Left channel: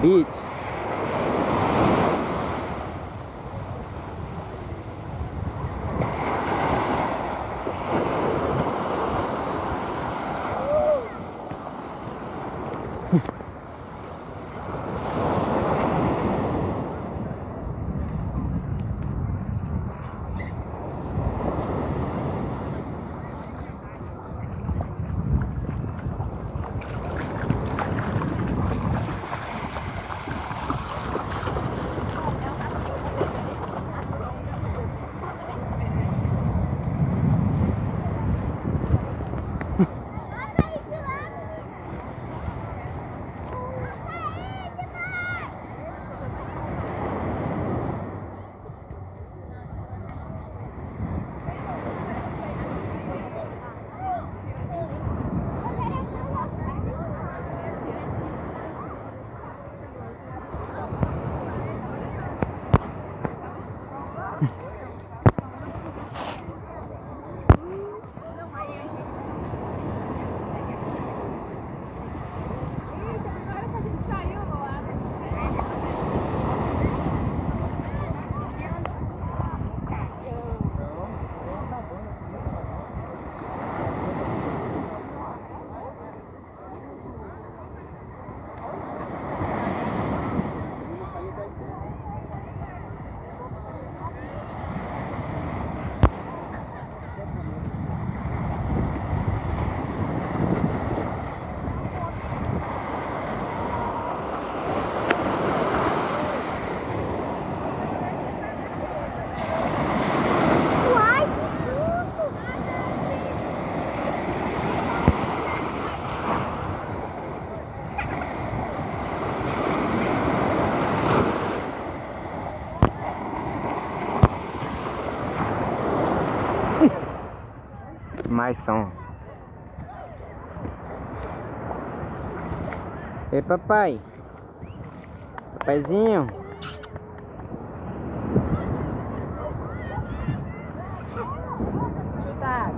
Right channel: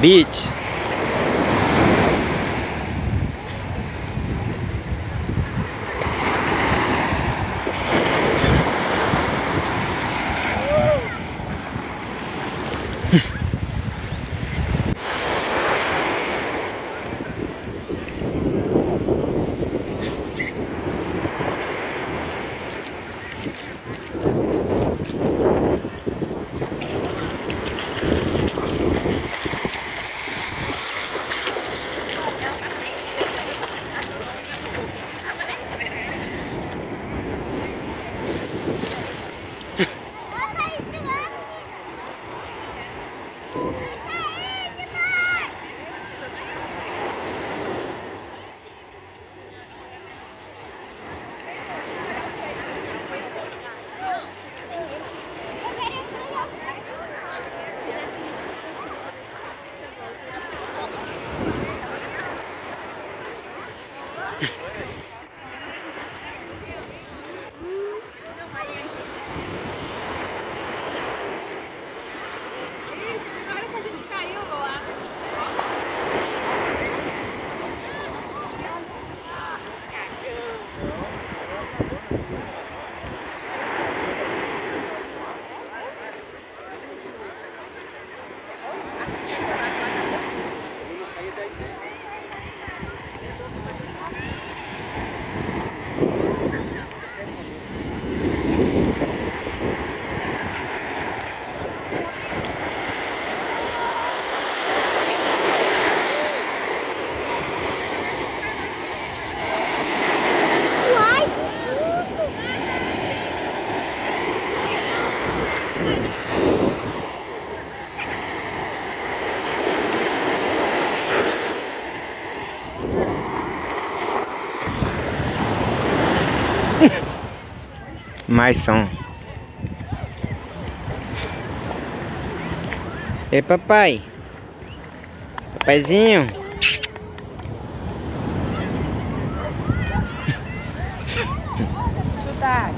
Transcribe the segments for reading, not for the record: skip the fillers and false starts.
Beach. Mais som. Ei, papai. Papaizinho. Chutar.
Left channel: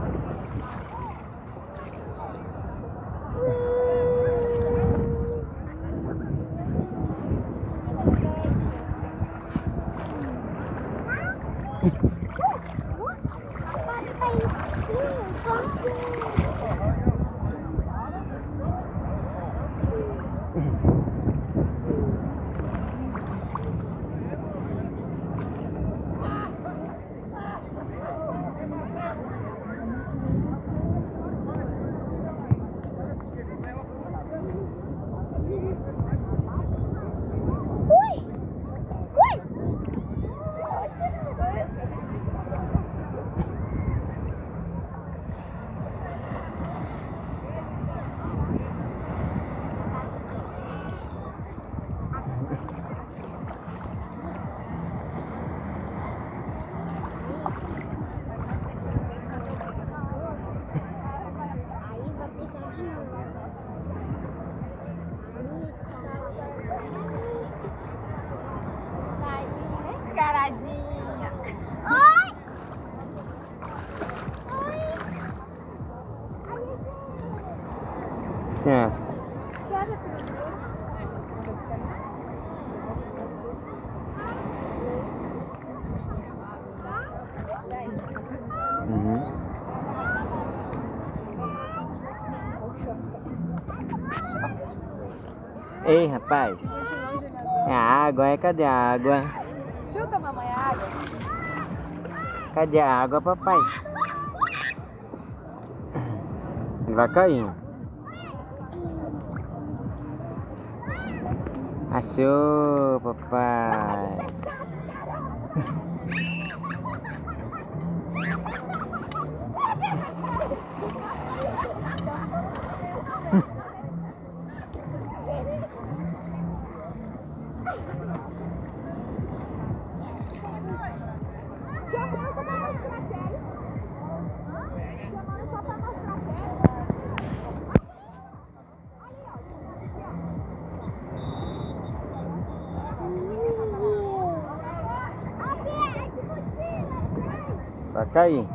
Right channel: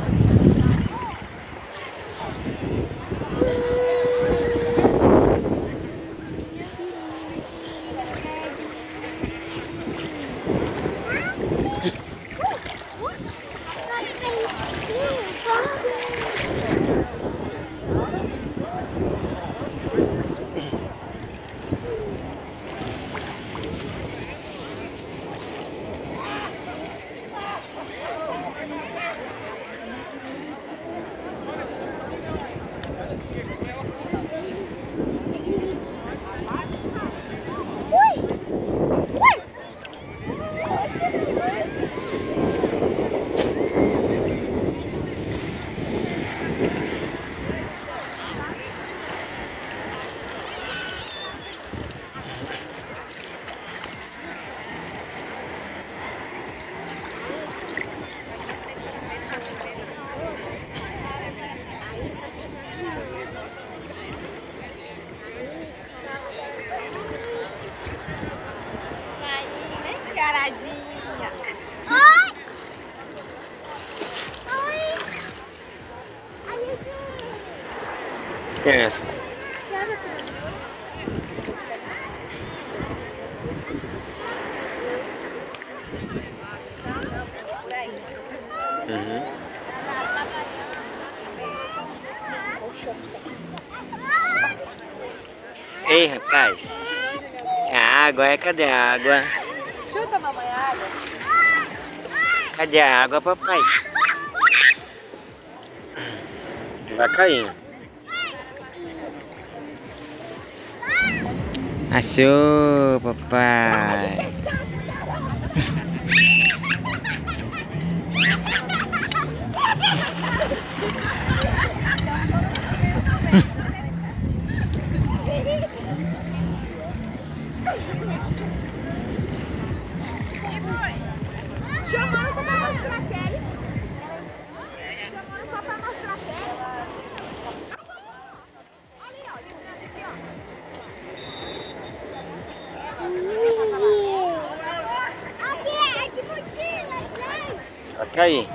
Mascaradinha. Oi! Oi! Quem é essa? Uhum. Ei, rapaz. É a água, cadê a água? Chuta, mamãe, a água. Cadê a água, papai? Devagarinho. Achou, papai. Chamando só pra mostrar a Kelly. Chamando só pra mostrar a Kelly. Ali, ó. Aqui, ó. Aqui, mochila, gente. Tá aí.